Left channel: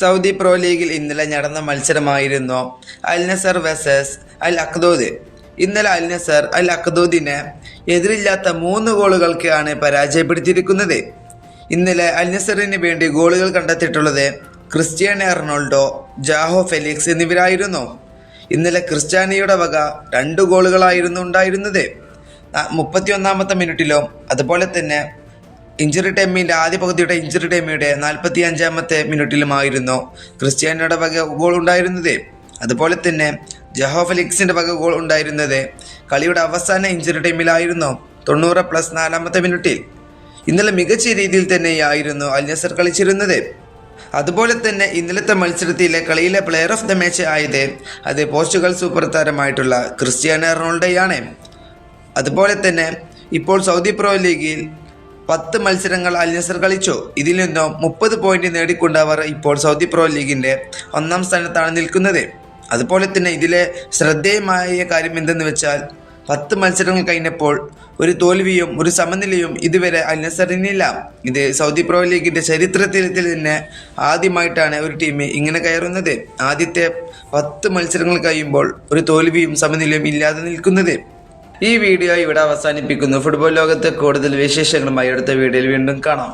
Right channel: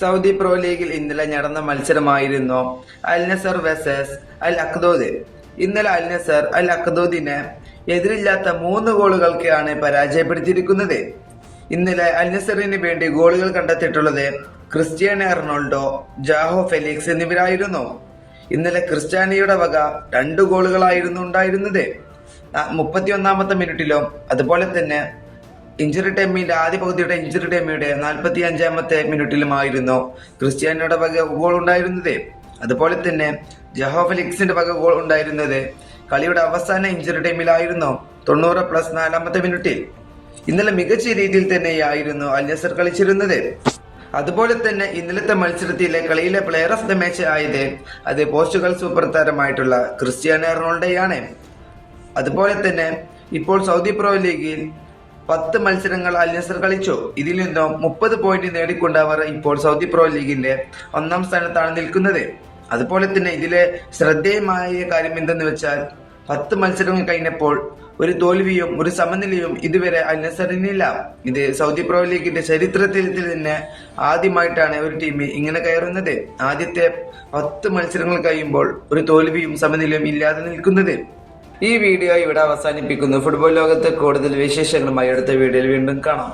Saudi pro ലീഗിൽ ഇന്നലെ നടന്ന മത്സരമായിരുന്നു അൽ നസർ വേഴ്സസ് അൽ അഖ്ദൂദ്. ഇന്നലെ അൽ നസർ അൽ അഖ്ദൂദിനെ എതിരില്ലാത്ത 3 ഗോളുകൾക്കാണ് പരാജയപ്പെടുത്തിയിരിക്കുന്നത്. ഇന്നലെ അൽ നസറിന് വേണ്ടി ഗോളുകൾ കണ്ടെത്തിയിട്ടുള്ളത് ക്രിസ്ത്യാനോ റൊണാൾഡോ, ജാഹോ ഫെലിക്സ് എന്നിവരായിരുന്നു. ഇന്നലെ ക്രിസ്ത്യാനോയുടെ വക 2 ഗോളുകളായിരുന്നു ഉണ്ടായിരുന്നത്. 31-ാമത്തെ മിനിറ്റിലും അതുപോലെ തന്നെ ആദ്യ പകുതിയുടെ ഇഞ്ചുറി ടൈമിയുടെ 45-ാമത്തെ മിനിറ്റിലുമായിരുന്നു ക്രിസ്ത്യാനോയുടെ വക ഗോൾ ഉണ്ടായിരുന്നത്. അതുപോലെ തന്നെ ജാഹോ ഫെലിക്സിന്റെ വക ഗോൾ ഉണ്ടായിരുന്നത് കളിയുടെ അവസാന ഇഞ്ചുറി ടൈമിലായിരുന്നു 90+4-ാമത്തെ മിനിറ്റിൽ. ഇന്നലെ മികച്ച രീതിയിൽ തന്നെയായിരുന്നു അൽ നസർ കളിച്ചിരുന്നത്. അതുപോലെ തന്നെ ഇന്നലത്തെ മത്സരത്തിലെ കളിയിലെ പ്ലെയർ ഓഫ് ദ മാച്ച് ആയത് അത് പോർച്ചുഗൽ സൂപ്പർ താരമായിട്ടുള്ള ക്രിസ്ത്യാനോ റൊണാൾഡോയാണ്. അതുപോലെ തന്നെ ഇപ്പോൾ സൗദി പ്രോ ലീഗിൽ 10 മത്സരങ്ങൾ അൽ നസർ കളിച്ചു. ഇതിൽ നിന്നും 30 പോയിന്റ് നേടിക്കൊണ്ട് അവർ ഇപ്പോൾ സൗദി പ്രോ ലീഗിന്റെ 1-ാം സ്ഥാനത്താണ് നിൽക്കുന്നത്. അതുപോലെ തന്നെ ഇതിലെ ശ്രദ്ധേയമായ കാര്യം എന്തെന്ന് വെച്ചാൽ 10 മത്സരങ്ങൾ കഴിഞ്ഞപ്പോൾ ഒരു തോൽവിയും ഒരു സമനിലയും ഇതുവരെ അൽ നസറിനില്ല. ഇത് സൗദി പ്രോ ലീഗിന്റെ ചരിത്രത്തിൽ തന്നെ ആദ്യമായിട്ടാണ് ഒരു ടീം ഇങ്ങനെ കയറുന്നത്. ആദ്യത്തെ 10 മത്സരങ്ങൾ കഴിയുമ്പോൾ ഒരു തോൽവിയും സമനിലയും ഇല്ലാതെ നിൽക്കുന്നത്. ഈ വീഡിയോ ഇവിടെ അവസാനിപ്പിക്കുന്നു. ഫുട്ബോൾ ലോകത്തെ കൂടുതൽ വിശേഷങ്ങളുമായി അടുത്ത വീഡിയോയിൽ വീണ്ടും കാണാം.